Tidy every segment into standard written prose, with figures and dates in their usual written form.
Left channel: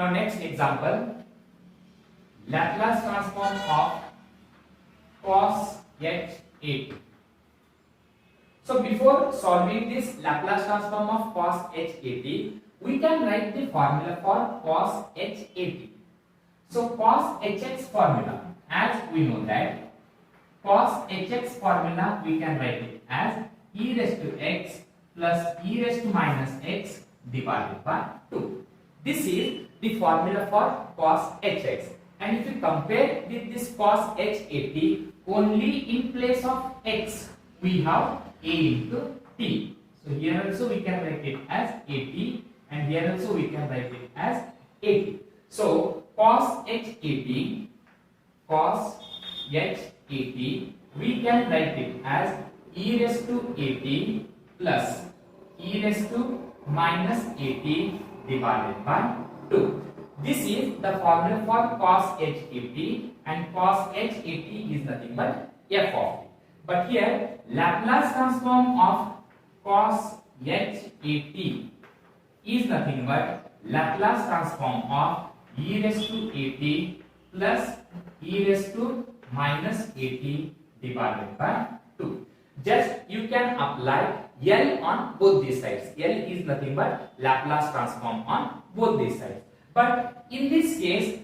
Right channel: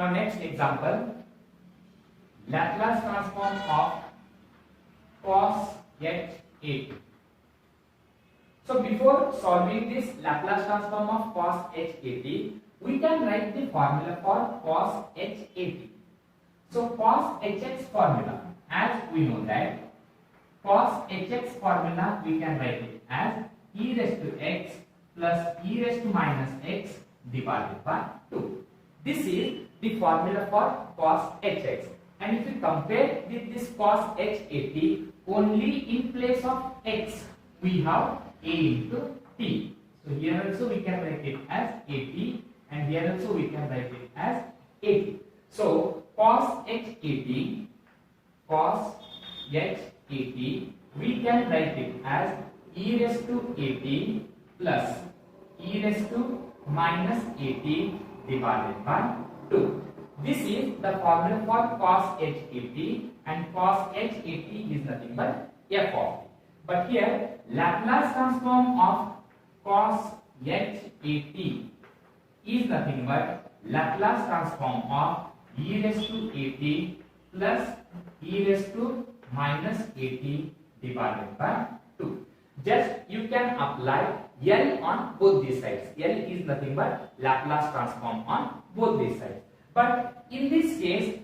Now next example, Laplace transform of cos h8. So before solving this Laplace transform of cos h8, we can write the formula for cos h8. So cos hx formula, as we know that cos hx formula we can write it as e raised to x plus e raised to minus x divided by 2. This is the formula for cos hx. And if you compare with this cos h8, only in place of x we have a into t. So here also we can write it as at, and here also we can write it as at. So cos h8, we can write it as e raised to at plus e raised to minus at divided by 2. This is the formula for cos h8, and cos h8 is nothing but f of t. But here Laplace transform of cos h8 is nothing but Laplace transform of e raised to at plus e raised to minus at divided by 2. Just you can apply L on both these sides. L is nothing but Laplace transform on both these sides. But in this case,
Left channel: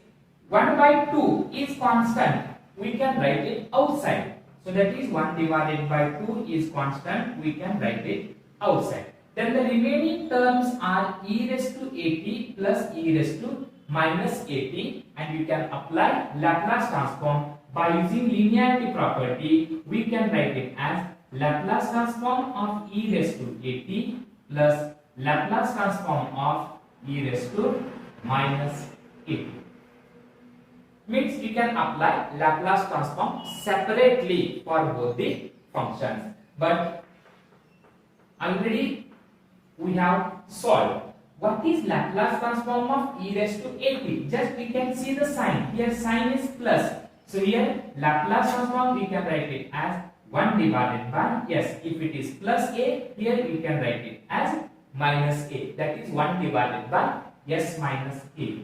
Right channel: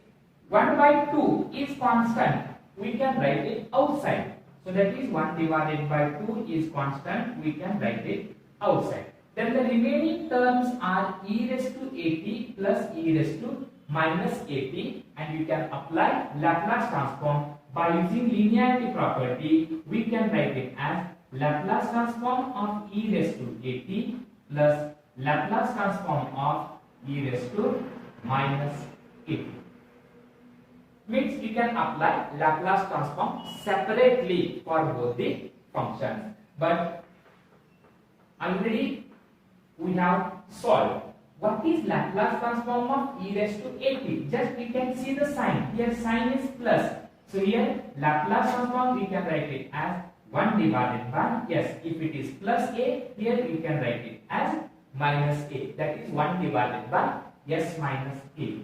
1 by 2 is constant. We can write it outside. So that is 1 divided by 2 is constant. We can write it outside. Then the remaining terms are e raised to at plus e raised to minus at, and you can apply Laplace transform by using linearity property. We can write it as Laplace transform of e raised to at plus Laplace transform of e raised to minus at. Means you can apply Laplace transform separately for both the functions. But already we have solved. What is Laplace transform of e raised to at? Just we can see the sign. Here sign is plus. So here Laplace transform we can write it as 1 divided by, yes, if it is plus a, here we can write it as minus a. That is 1 divided by s minus a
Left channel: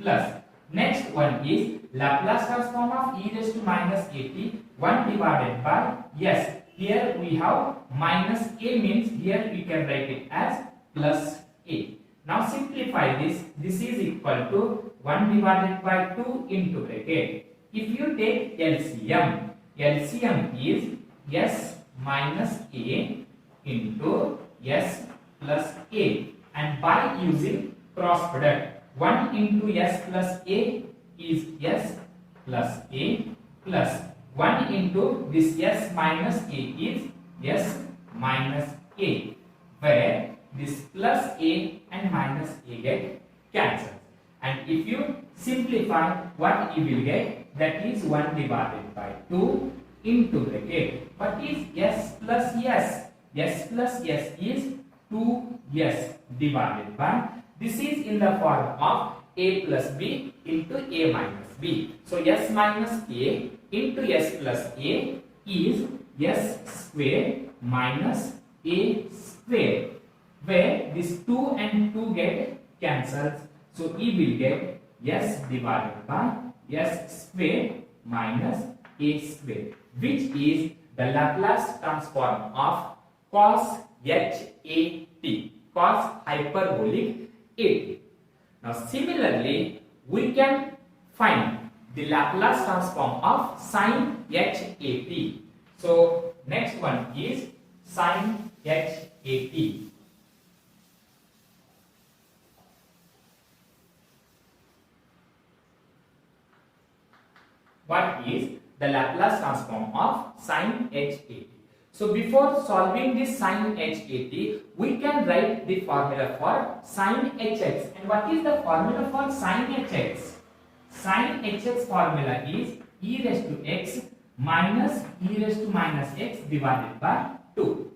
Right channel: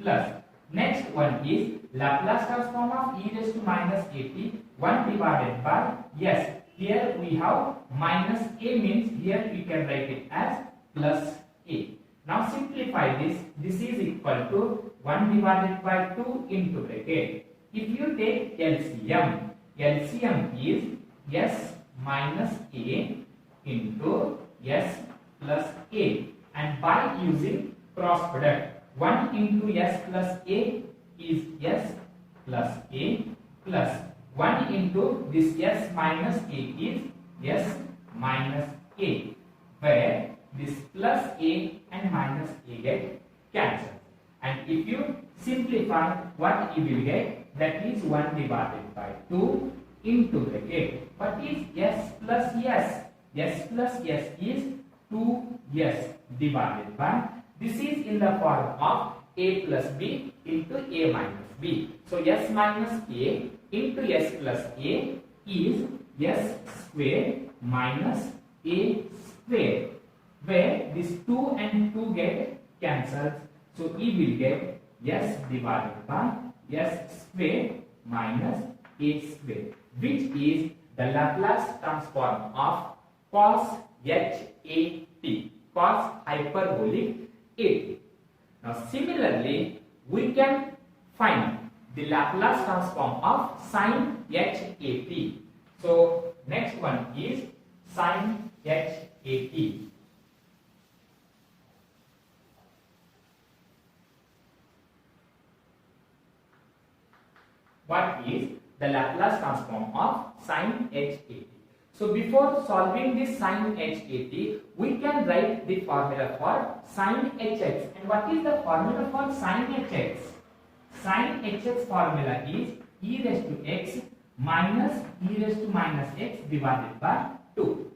plus. Next one is Laplace transform of e raised to minus at, 1 divided by, yes, here we have minus a, means here we can write it as plus a. Now simplify this. This is equal to 1 divided by 2 into bracket. If you take LCM, LCM is s minus a into s plus a, and by using cross product, 1 into s plus a is s plus a plus 1 into this s minus a is s minus a, where this plus a and minus a get cancelled. And if you simplify, what you will get, that is 1 divided by 2 into bracket. What is s plus s? S plus s is 2s divided by, this is in the form of a plus b into a minus b. So s minus a into s plus a is s square minus a square, where this 2 and 2 get cancelled. So e will get s divided by s square minus a square, which is the Laplace transform of cos hat, cos hyperbolic at. Now similarly, we can find the Laplace transform of sin hat. So next one is sin hat. What is the Laplace transform of sin hat? So before solving this sin hat, we can write the formula for sin hx. And what is the formula for sin hx? Sin hx formula is e raised to x minus e raised to minus x divided by 2.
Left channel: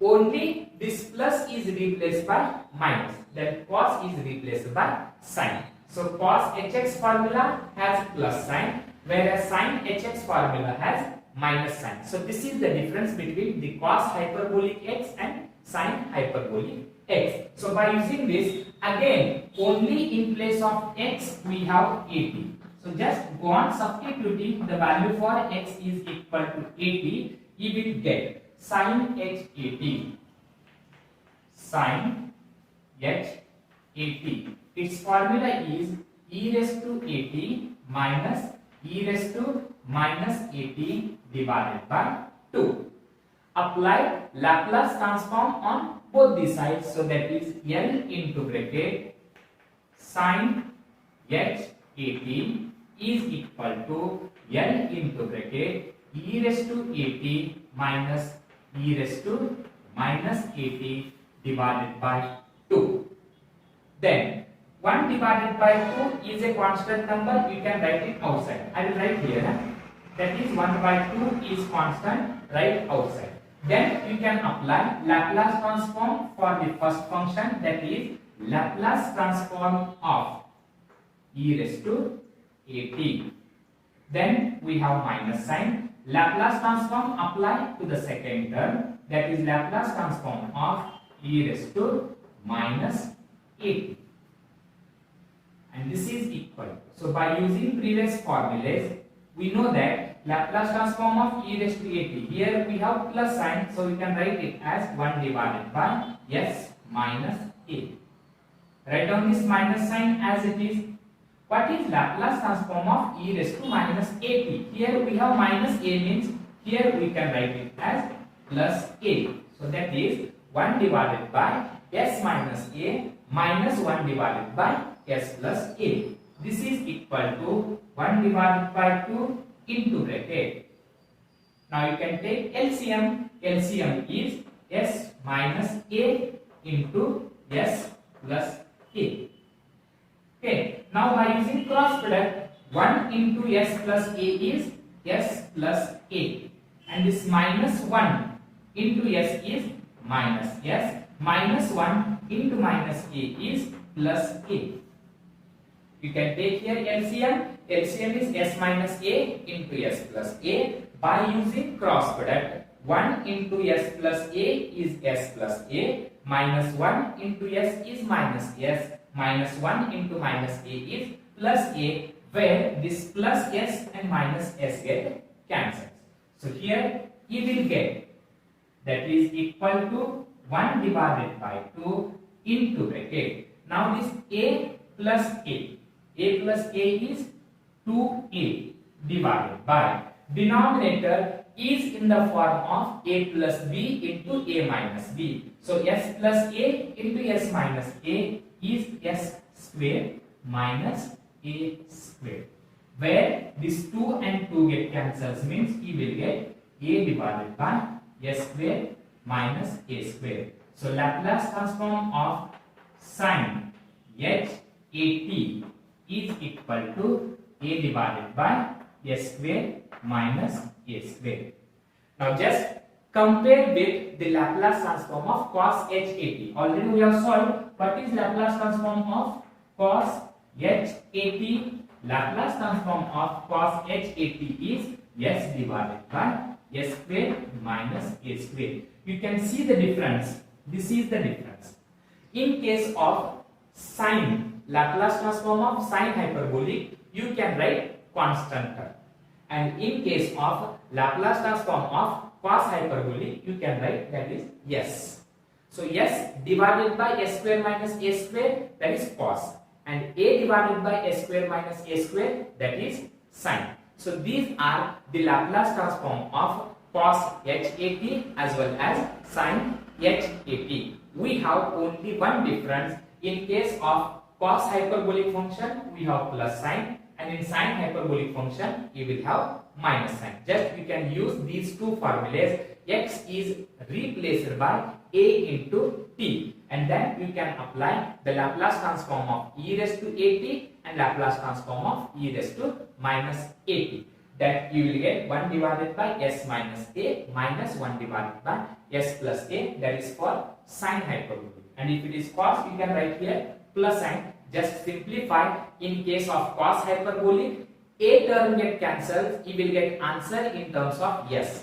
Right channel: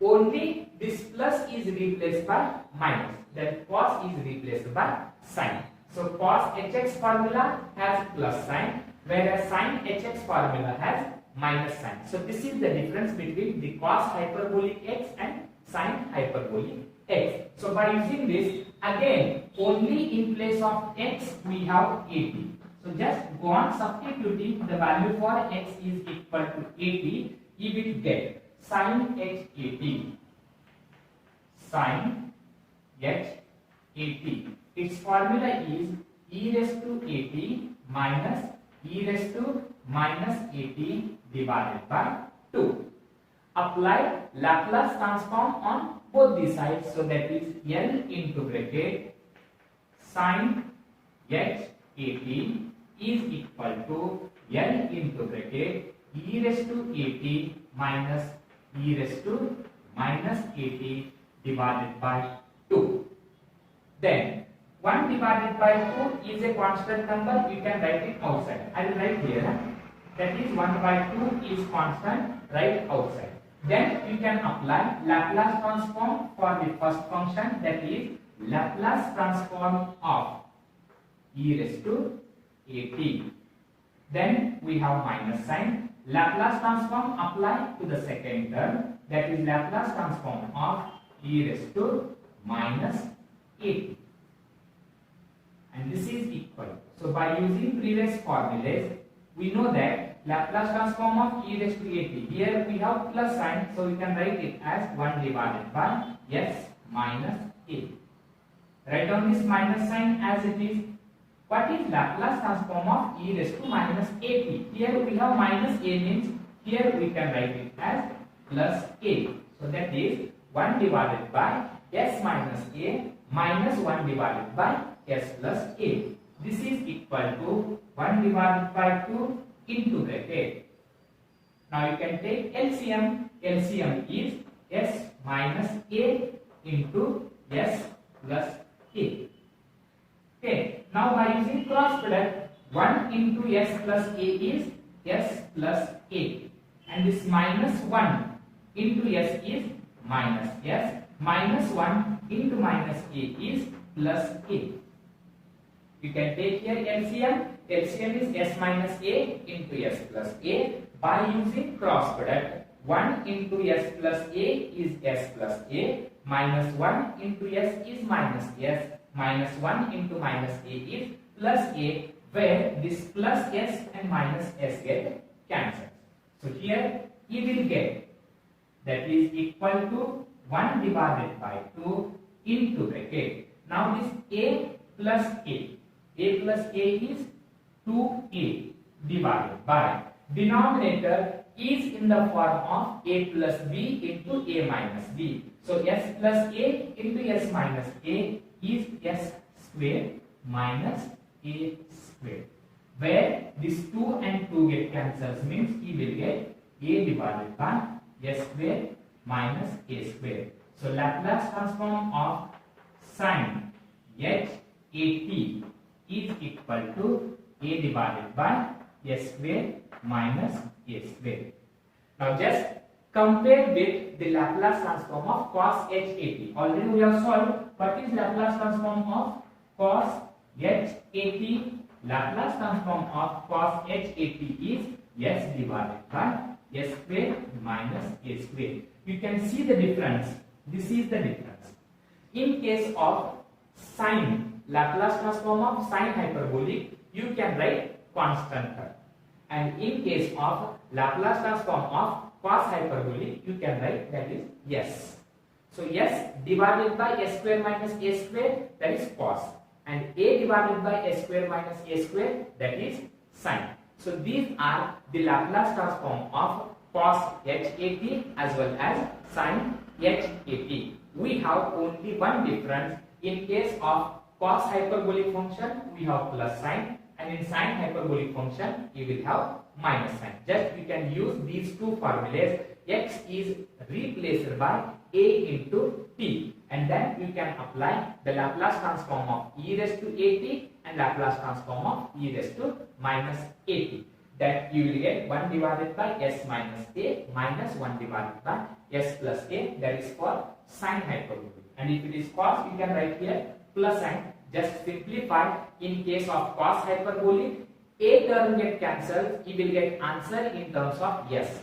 Only this plus is replaced by minus, then cos is replaced by sin. So cos hx formula has plus sign, whereas sin hx formula has minus sign. So this is the difference between the cos hyperbolic x and sin hyperbolic x. So So by using this, again only in place of x we have 80. So just go on substituting the value for x is equal to 80. You will get sin h 80. Sin h 80. Its formula is e raised to 80 minus e raised to minus 80 divided by 2. Apply Laplace transform on both the sides, so that is L into bracket sin h 80 is equal to L into bracket e raised to 80 minus e raised to minus 80 divided by 2. Then 1 divided by 2 is a constant number, you can write it outside. I will write here. That is 1 by 2 is constant, write outside. Then you can apply Laplace transform for the first function, that is Laplace transform of e raised to 80. Then we have minus sign. Laplace transform apply to the second term, that is Laplace transform of e raised to minus 80. And this is equal. So by using previous formulas, we know that Laplace transform of e raised to 80. Here we have plus sign, so we can write it as 1 divided by s minus a. Write down this minus sign as it is. What is Laplace transform of e raised to minus 80? Here we have minus a, means here we can write it as plus a. So that is 1 divided by s minus a minus 1 divided by s plus a. This is equal to 1 divided by 2 into bracket. Now you can take LCM. LCM is s minus a into s plus a. Okay. Now by using cross product, 1 into s plus a is s plus a, and this minus 1 into s is minus s, minus 1 into minus a is plus a. You can take here LCM. LCM is s minus a into s plus a. By using cross product, 1 into s plus a is s plus a, minus 1 into s is minus s, minus 1 into minus a is plus a, where this plus s and minus s get cancelled. So here you will get, that is equal to 1 divided by 2 into bracket. Now this a plus a plus a is 2a divided by, denominator is in the form of a plus b into a minus b. So s plus a into s minus a is s square minus a square, where this 2 and 2 get cancels, means you will get a divided by s square minus a square. So Laplace transform of sin h 80 is equal to a divided by s square minus a square. Now just compare with the Laplace transform of cos h 80. Already we have solved. What is Laplace transform of cos h 80? Laplace transform of cos h 80 is s divided by s square minus a square. You can see the difference. This is the difference. In case of sine, Laplace transform of sine hyperbolic, you can write constant term. And in case of Laplace transform of cos hyperbolic, you can write that is s. So s divided by s square minus a square, that is cos, and a divided by s square minus a square, that is sine. So these are the Laplace transform of cos h 80 as well as sin h 80. We have only one difference. In case of cos hyperbolic function, we have plus sign, and in sine hyperbolic function, you will have minus sign. Just you can use these two formulas. X is replaced by a into t, and then you can apply the Laplace transform of e raised to 80 and Laplace transform of e raised to minus 80. That you will get 1 divided by s minus a minus 1 divided by s plus a, that is for sine hyperbolic. And if it is cos, you can write here plus sign. Just simplify. In case of cos hyperbolic, a term get cancelled, you will get answer in terms of s.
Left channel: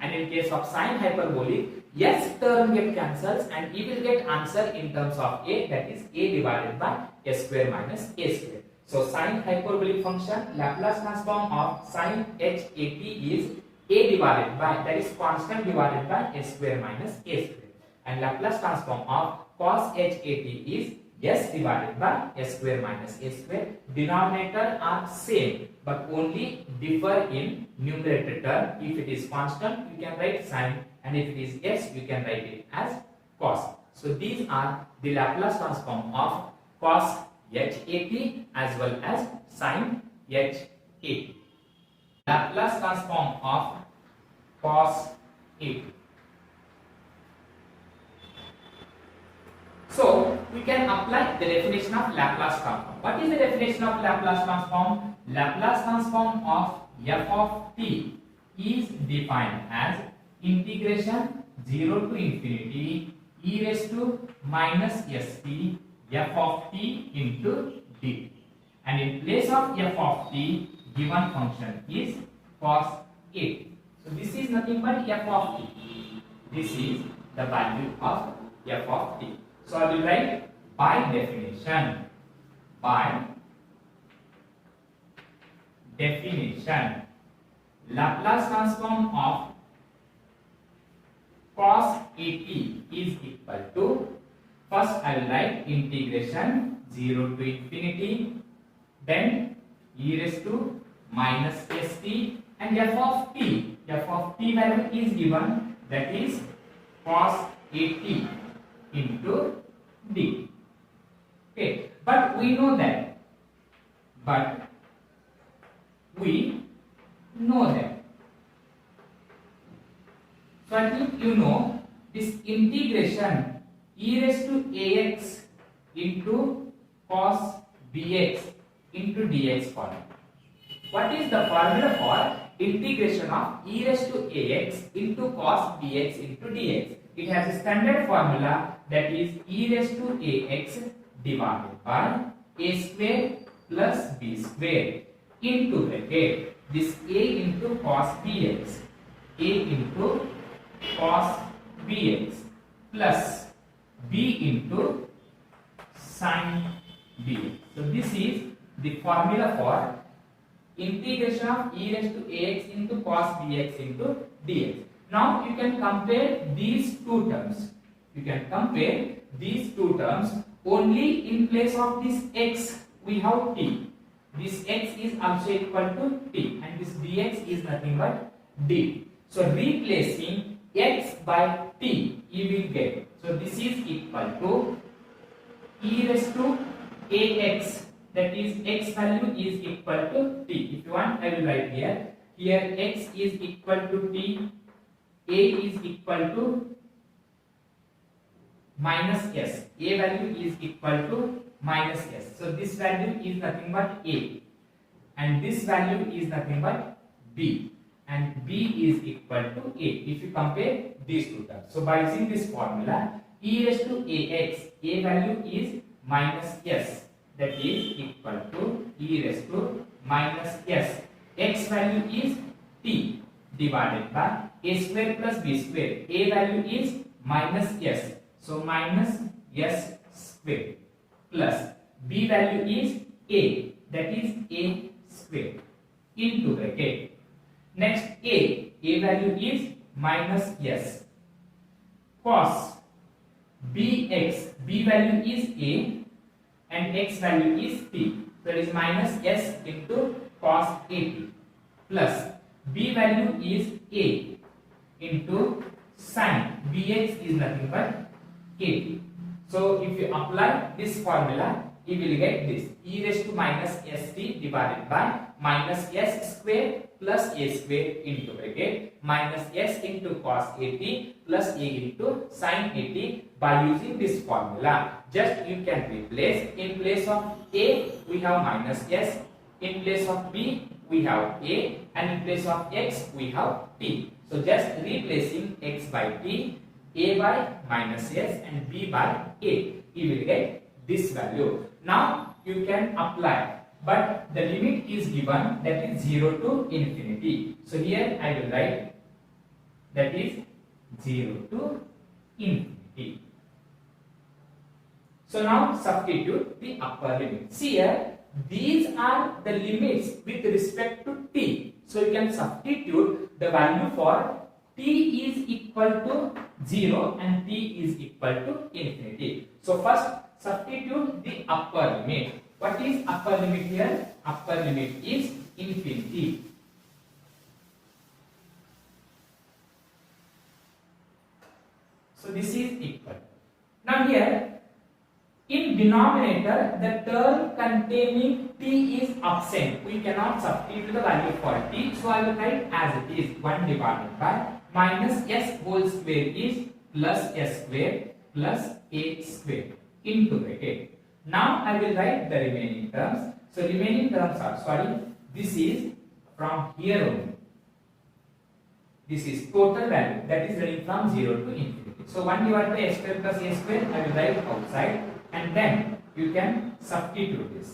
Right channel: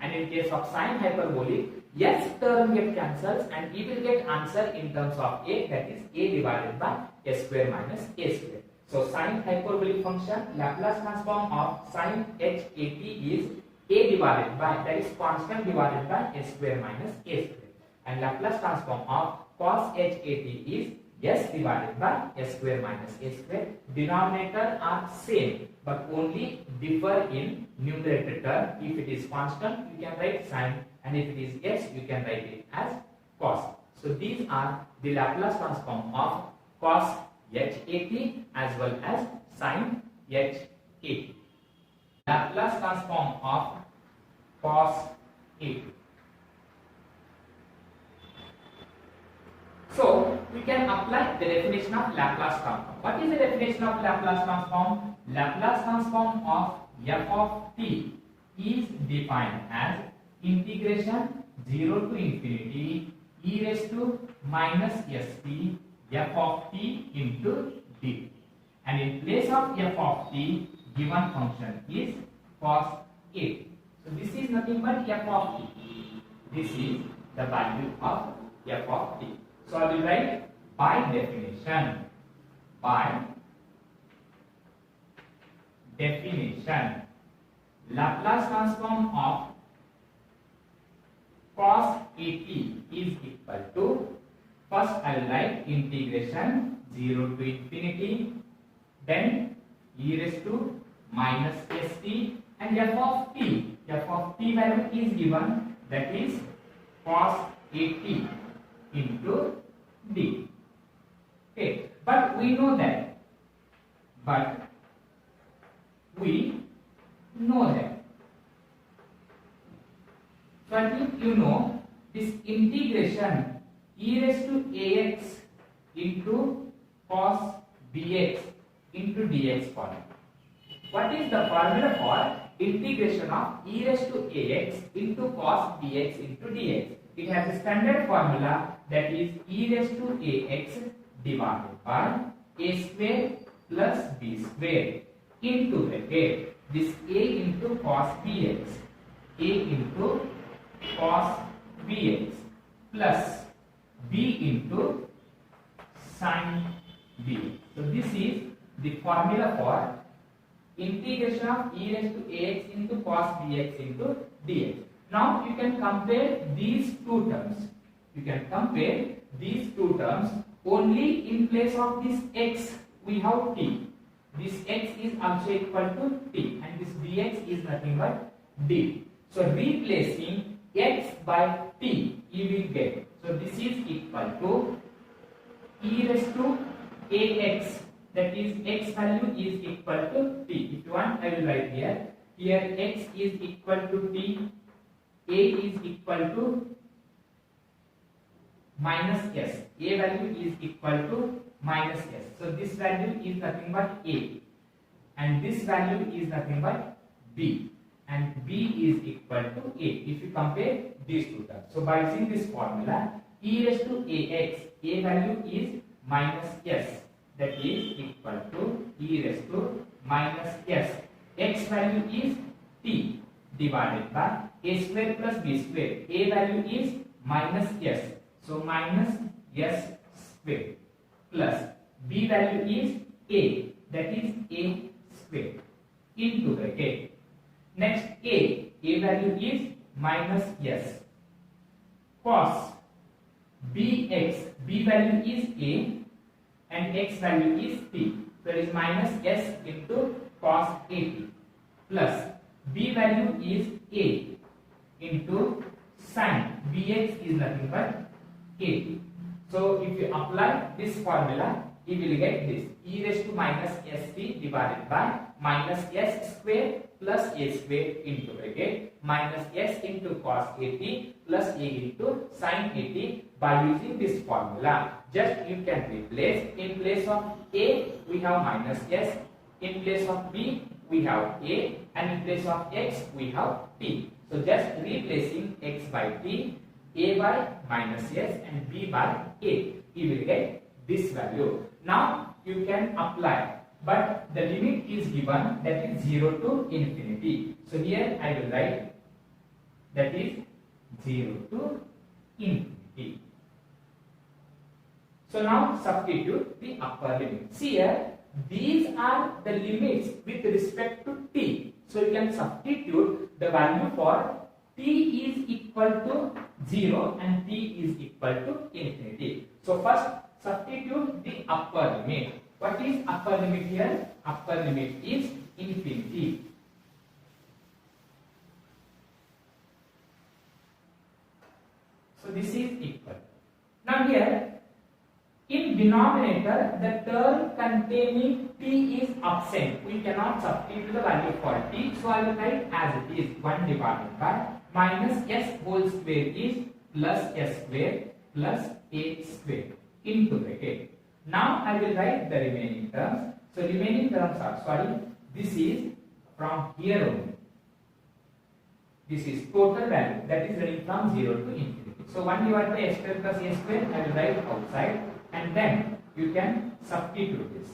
And in case of sine hyperbolic, s term get cancels and we will get answer in terms of a, that is a divided by s square minus a square. So sine hyperbolic function Laplace transform of sine h at is a divided by, that is constant divided by s square minus a square, and Laplace transform of cos h at is s divided by s square minus a square. Denominator are same but only differ in numerator term. If it is constant you can write sine, and if it is s you can write it as cos. So these are the Laplace transform of cos h at as well as sin h at. Laplace transform of cos a. So we can apply the definition of Laplace transform. What is the definition of Laplace transform? Laplace transform of f of t is defined as integration 0 to infinity e raised to minus st f of t into dt, and in place of f of t given function is cos a. So this is nothing but f of t. This is the value of f of t. So I will write by definition. By definition, Laplace transform of cos at is equal to, first I will write integration 0 to infinity, then e raised to minus st, and f of t. F of t value is given, that is cos at into d. Okay, but we know that. So I think you know this integration e raised to ax into cos bx into dx formula. What is the formula for integration of e raised to ax into cos bx into dx? It has a standard formula, that is e raised to ax divided by a square plus b square into bracket this a into cos bx, a into cos bx plus b into sin bx. So this is the formula for integration of e raised to ax into cos bx into dx. Now you can compare these two terms. You can compare these two terms. Only in place of this x we have t. This x is also equal to t, and this dx is nothing but d. So replacing x by t, you will get. So this is equal to e raised to ax, that is x value is equal to t. If you want, I will write here. Here x is equal to t, a is equal to minus s. A value is equal to minus s. So this value is nothing but a, and this value is nothing but b, and b is equal to a. If you compare these two terms, so by using this formula, e raised to ax, a value is minus s, that is equal to e raised to minus s. X value is t divided by a square plus b square. A value is minus s, so minus s square plus b value is a, that is a square into bracket. Next a value is minus s cos bx, b value is a and x value is t, so it is minus s into cos at plus b value is a into sin bx is nothing but kt. So if you apply this formula, you will get this e raised to minus st divided by minus s square plus a square into bracket minus s into cos at plus a into sin at. By using this formula, just you can replace. In place of a we have minus s, in place of b we have a, and in place of x we have t. So just replacing x by t, a by minus s and b by a, you will get this value. Now you can apply, but the limit is given, that is 0 to infinity. So here I will write, that is 0 to infinity. So now substitute the upper limits. Here these are the limits with respect to t. So you can substitute the value for t is equal to 0 and t is equal to infinity. So first substitute the upper limit. What is upper limit here? Upper limit is infinity. So this is equal. Now here in denominator the term containing t is absent. We cannot substitute the value for t. So I will write as it is 1 divided by minus s whole square is plus s square plus a square into bracket. Now I will write the remaining terms. So remaining terms are, this is from here only. This is total value that is running from 0 to infinity. So 1 divided by s square plus a square I will write outside, and then you can substitute this.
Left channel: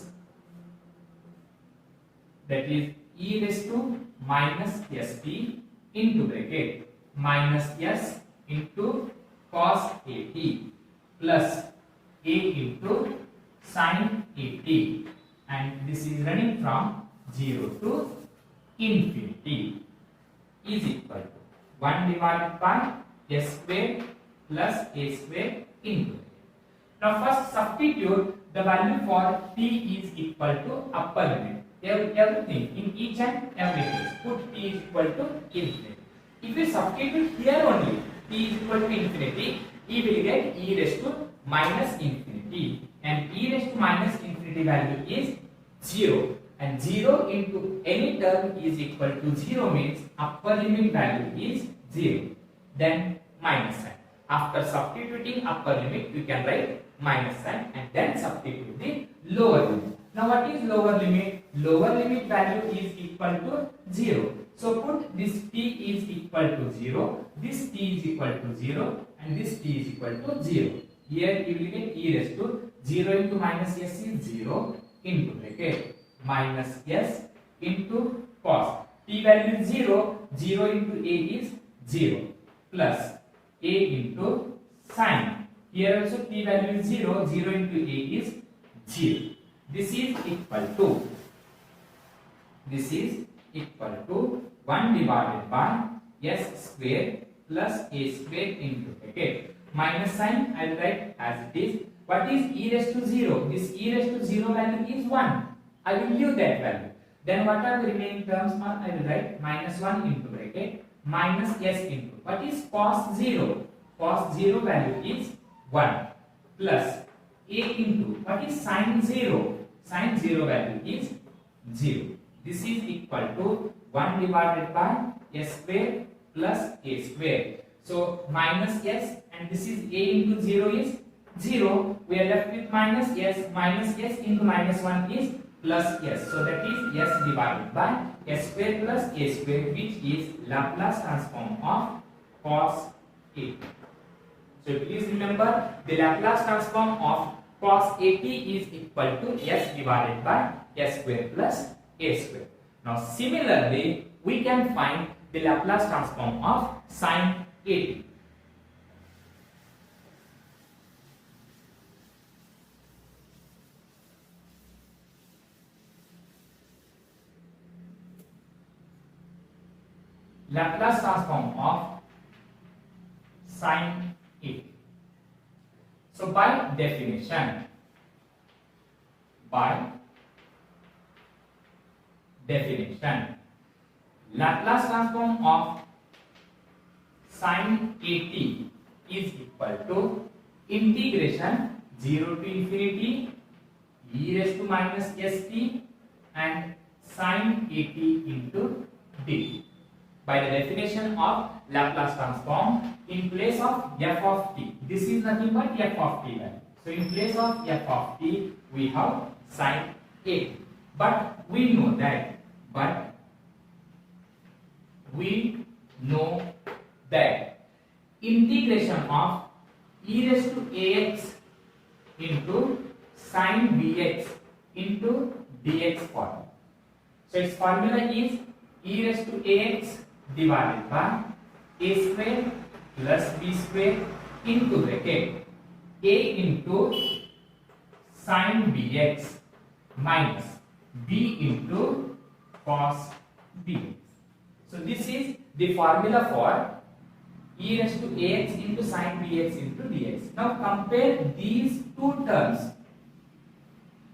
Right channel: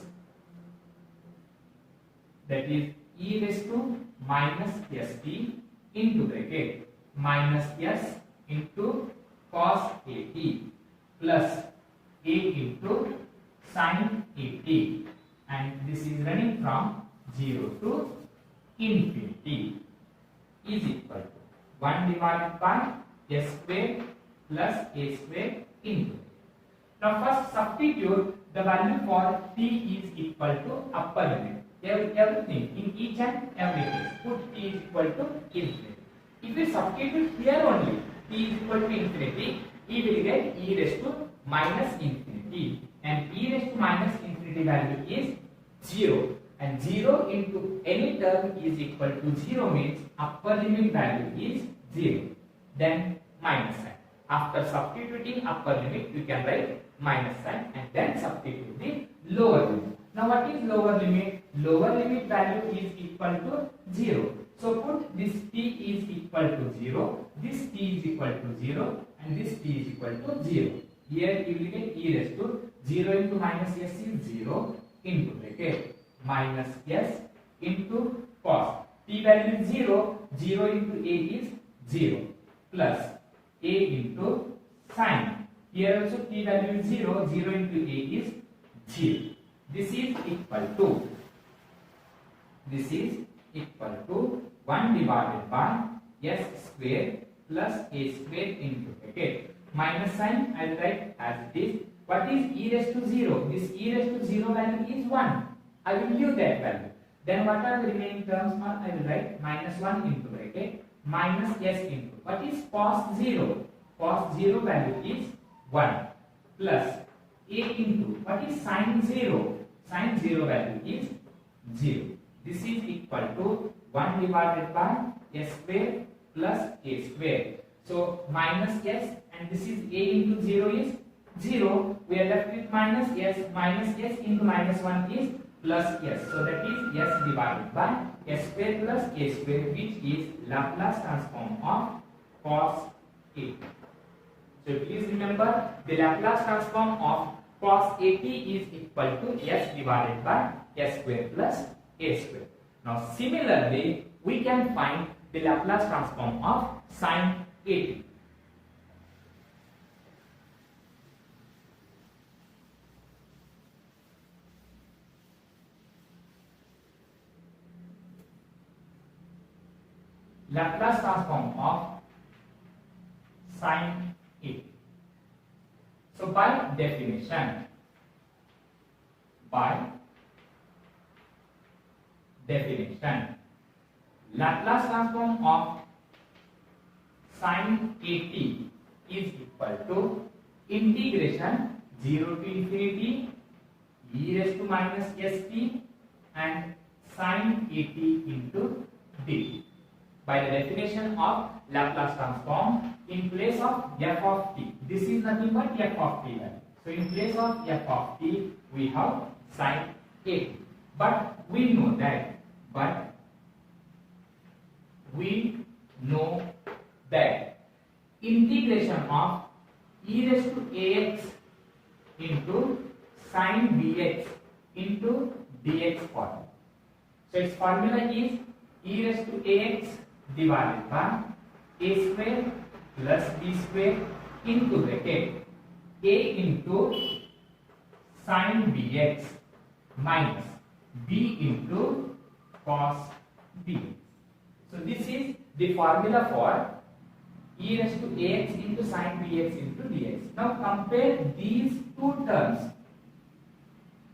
That is e raised to minus st into bracket minus s into cos at plus a into sin at, and this is running from 0 to infinity is equal to 1 divided by s square plus a square into. Now first substitute the value for t is equal to upper limit. Everything in each and every case put t is equal to infinity. If you substitute here only t is equal to infinity, you will get e raised to minus infinity, and e raised to minus infinity value is 0, and 0 into any term is equal to 0 means upper limit value is 0, then minus sign. After substituting upper limit you can write minus sign and then substitute the lower limit. Now what is lower limit? Lower limit value is equal to 0. So put this t is equal to 0, this t is equal to 0, and this t is equal to 0. Here you will get e raised to 0 into minus s is 0 into bracket minus s into cos. T value is 0, 0 into a is 0 plus a into sin. Here also t value is 0, 0 into a is 0. This is equal to 1 divided by s square plus a square into bracket. Minus sign I will write as it is. What is e raised to 0? This e raised to 0 value is 1. I will leave that value. Then what are the remaining terms? I will write minus 1 into bracket minus s into. What is cos 0? Cos 0 value is 1 plus a into. What is sin 0? Sin 0 value is 0. This is equal to 1 divided by s square plus a square. So minus s, and this is a into 0 is 0. We are left with minus s into minus 1 is plus s. So that is s divided by s square plus a square, which is Laplace transform of cos a. So please remember the Laplace transform of cos at is equal to s divided by s square plus a square. Now similarly we can find the Laplace transform of sin at. Laplace transform of sin a. So by definition, Laplace transform of sin at is equal to integration 0 to infinity e raised to minus st and sin at into dt. By the definition of Laplace transform, in place of f of t, this is nothing but f of t value. So in place of f of t, we have sin a. But we know that integration of e raised to ax into sin bx into dx form. So its formula is e raised to ax divided by a square plus b square into bracket a into sin bx minus b into cos bx. So this is the formula for e raised to ax into sin bx into dx. Now compare these two terms.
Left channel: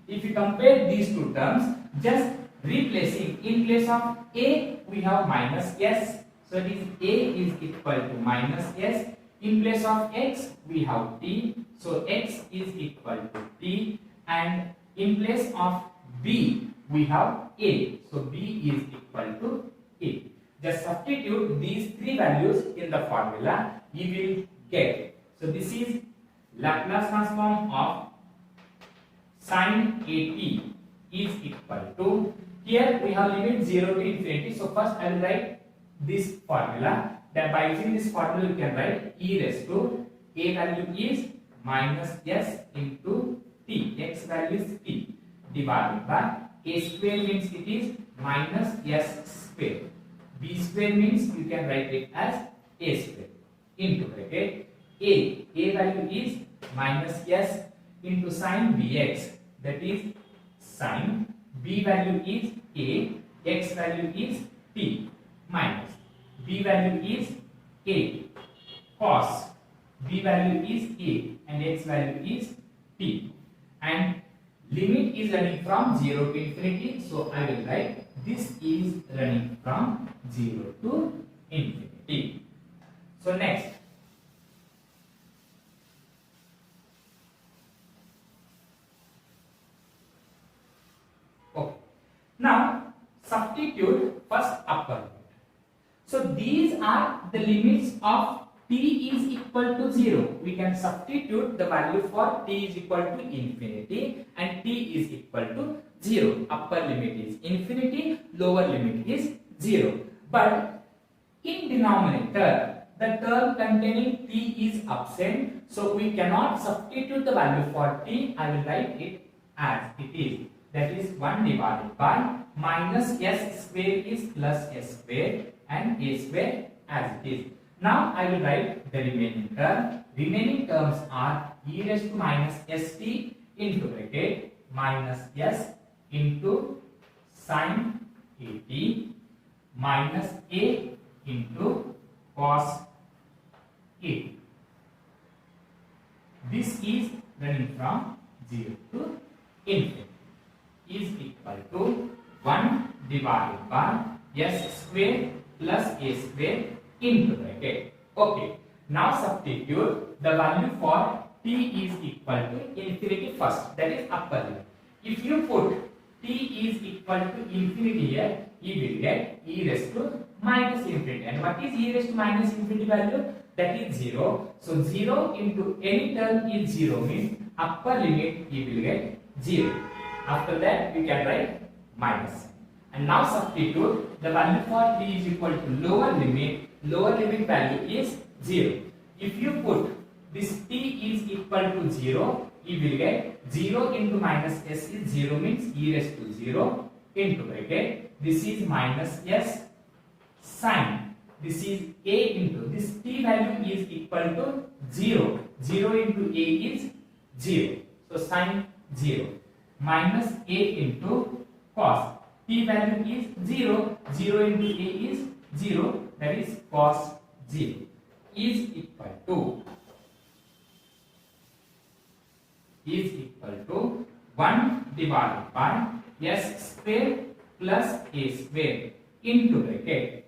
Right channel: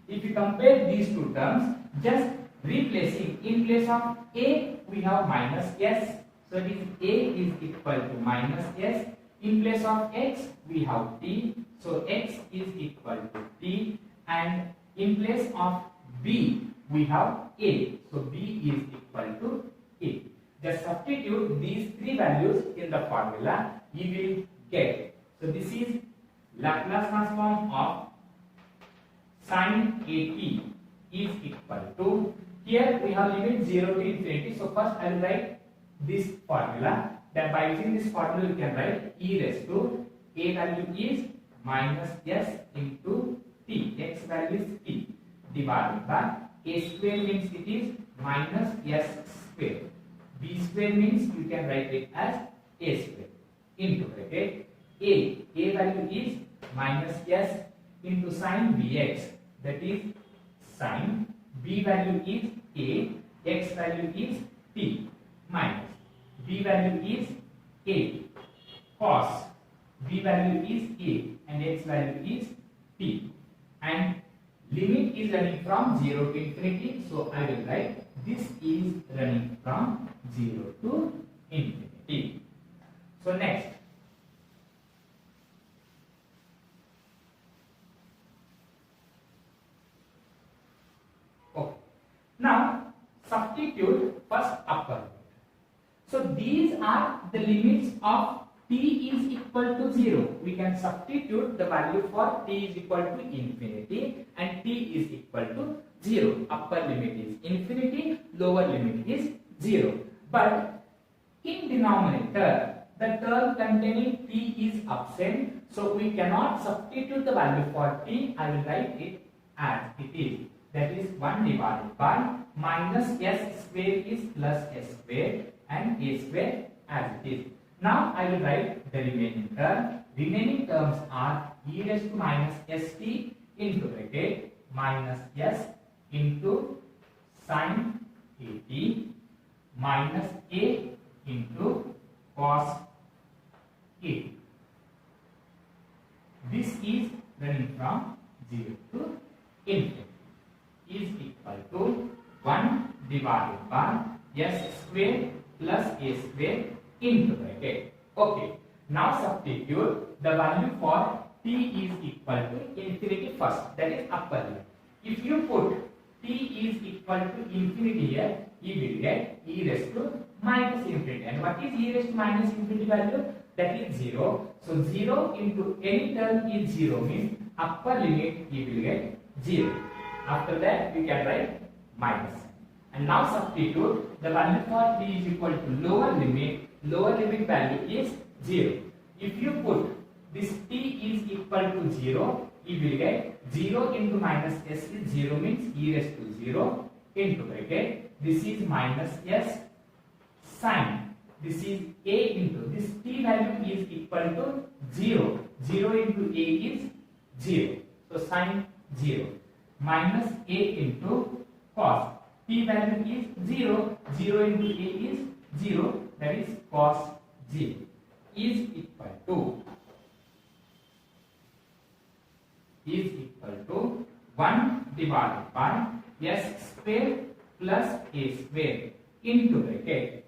If you compare these two terms, just replacing, in place of a we have minus s, so it is a is equal to minus s. In place of x we have t, so x is equal to t, and in place of b we have a, so b is equal to a. Just substitute these three values in the formula, you will get. So this is Laplace transform of sin at is equal to, here we have limit 0 to infinity, so first I will write this formula. Then by using this formula you can write e raised to a value is minus s into t, x value is t, divided by a square means it is minus s square, b square means you can write it as a square, into bracket a value is minus s into sin bx, that is sin, b value is a, x value is t, minus b value is a, cos, b value is a and x value is t, and limit is running from 0 to infinity, so I will write this is running from 0 to infinity. So next, now substitute first upper limit. So these are the limits of t is equal to 0. We can substitute the value for t is equal to infinity and t is equal to 0. Upper limit is infinity, lower limit is 0. But in denominator, the term containing t is absent, so we cannot substitute the value for t. I will write it as it is. That is 1 divided by minus s square is plus s square and a square as it is. Now I will write the remaining term. Remaining terms are e raised to minus st into bracket minus s into sin at minus a into cos a. This is running from 0 to infinity, is equal to 1 divided by s square plus a square into bracket. Okay, now substitute the value for t is equal to infinity first, that is upper limit. If you put t is equal to infinity here, you will get e raised to minus infinity. And what is e raised to minus infinity value? That is 0. So 0 into any term is 0 means upper limit you will get 0. After that you can write minus. And now substitute the value for t is equal to lower limit value is 0. If you put this t is equal to 0, you will get 0 into minus s is 0 means e raised to 0 into bracket. This is minus s sin. This is a into this t value is equal to 0. 0 into a is 0. So sin 0 minus a into cos. T value is 0. 0 into a is 0. That is cos 0 is equal to 1 divided by s square plus a square into bracket.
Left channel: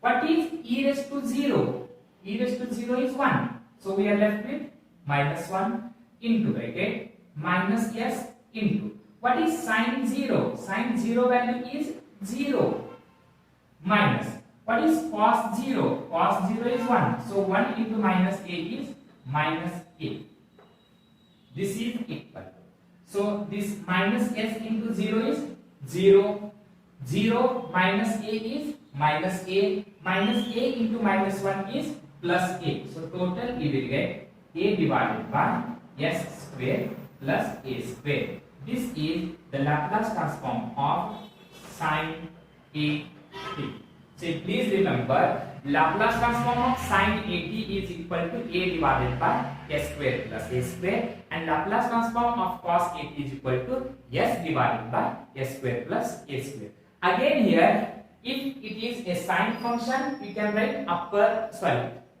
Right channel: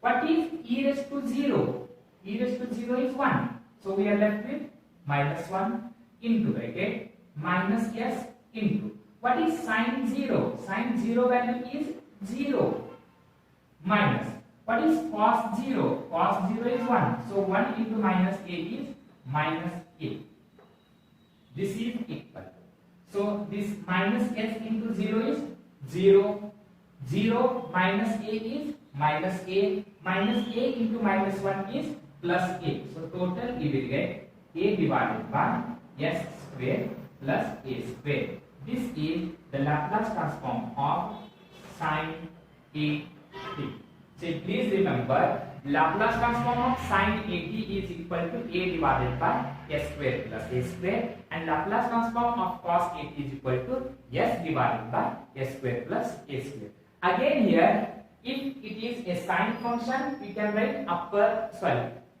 What is e raised to 0? E raised to 0 is 1. So we are left with minus 1 into bracket minus s into. What is sin 0? Sin 0 value is 0 minus. What is cos 0? Cos 0 is 1. So 1 into minus a is minus a. This is equal. So this minus s into 0 is 0. 0 minus a is minus a. Minus a into minus 1 is plus a. So total we will get a divided by s square plus a square. This is the Laplace transform of sin a t. So please remember Laplace transform of sin 80 is equal to a divided by s square plus a square, and Laplace transform of cos 80 is equal to s divided by s square plus a square. Again here, if it is a sine function, we can write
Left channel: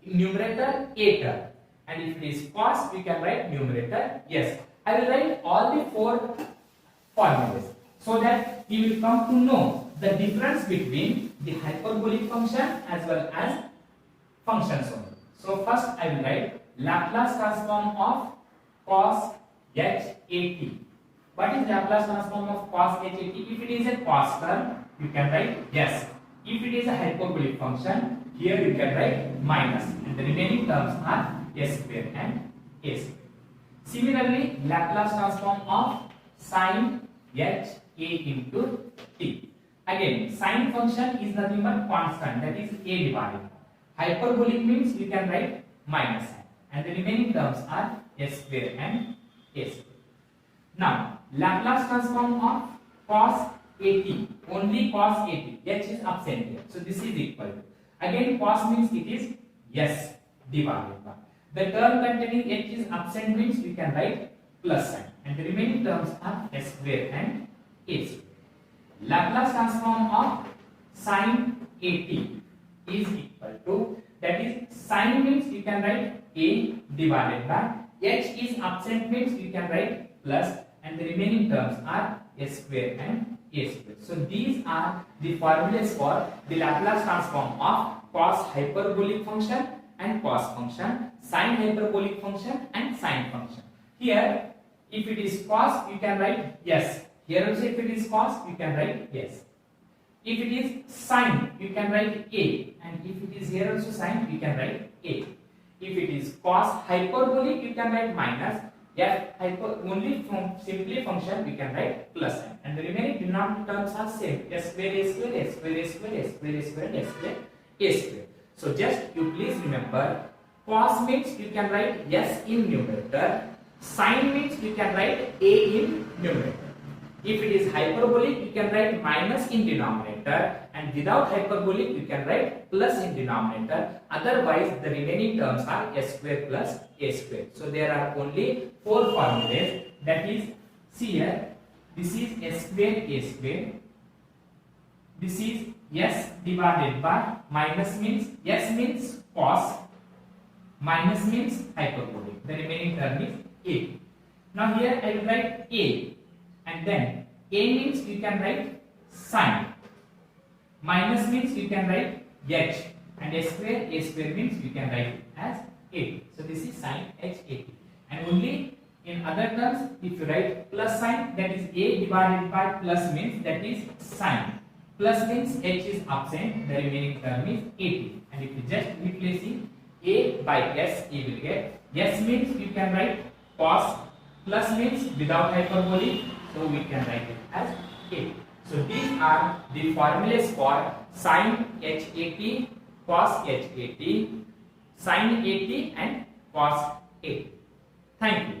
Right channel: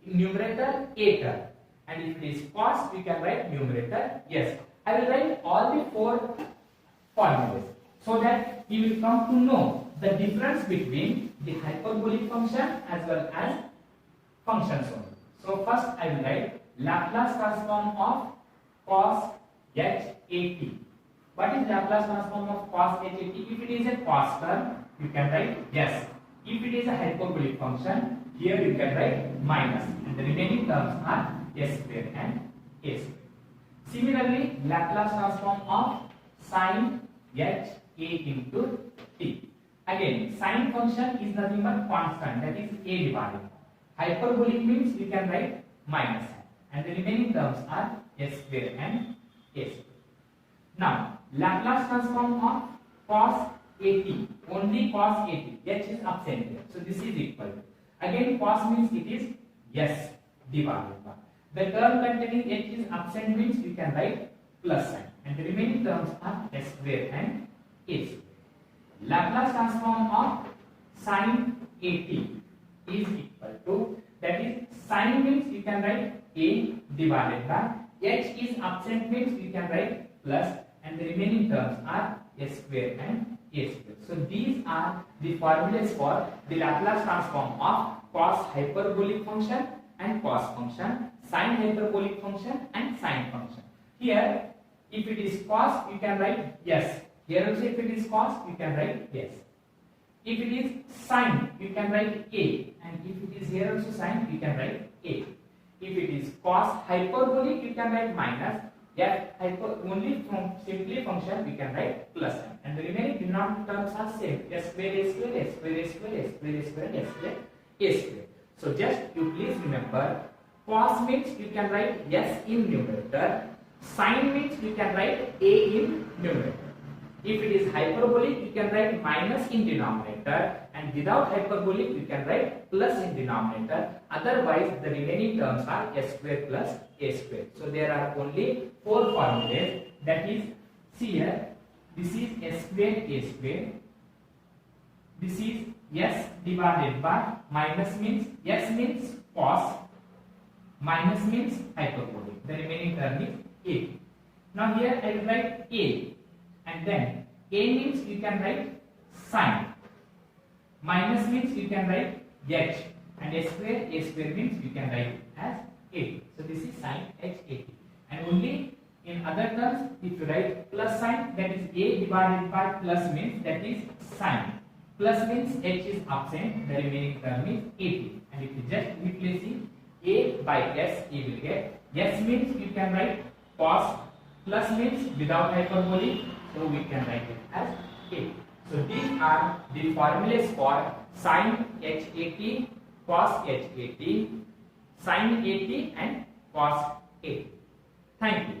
numerator a term, and if it is cos, we can write numerator s. I will write all the four formulas so that we will come to know the difference between the hyperbolic function as well as functions only. So first I will write Laplace transform of cos h80. What is Laplace transform of cos h80? If it is a cos term, you can write yes. If it is a hyperbolic function, here you can write minus, and the remaining terms are s square and a square. Similarly, Laplace transform of sin h a into t. Again, sine function is nothing but constant, that is a divided by. Hyperbolic means you can write minus, and the remaining terms are s square and a square. Now, Laplace transform of cos 80, only cos 80, h is absent here, so this is equal to. Again, cos means it is s divided by. The term containing h is absent means we can write plus sign, and the remaining terms are s square and a square. Laplace transform of sin 80 is equal to, that is sin means you can write a divided by, h is absent means you can write plus, and the remaining terms are s square and a square. So these are the formulas for the Laplace transform of cos hyperbolic function and cos function, sin hyperbolic function and sine function. Here, if it is cos, you can write yes. Here also, if it is cos, you can write yes. If it is sine, you can write a, and if it is here also sine, you can write a. If it is cos hyperbolic, you can write minus. Only from simply function, we can write plus sign, and the remaining denominator terms are same: s square, a square, s square, a square, s square, a square, s square, a square. So just you please remember, cos means you can write yes in numerator, sine means you can write a in numerator. If it is hyperbolic, you can write minus in denominator, and without hyperbolic, you can write plus in denominator. Otherwise, the remaining terms are s square plus a square. So there are only four formulas. That is, see here, this is s square, a square. This is s divided by, minus means s means cos, minus means hyperbolic. The remaining term is a. Now here I will write a. And then a means you can write sine, minus means you can write h, and a square means you can write as 80. So this is sine h 80. And only in other terms, if you write plus sign, that is a divided by, plus means that is sine, plus means h is absent, the remaining term is 80. And if you just replacing a by s, you will get s means you can write cos, plus means without hyperbolic, so we can write it as a. So these are the formulas for sin h80, cos h80, sin 80 and cos 80. Thank you.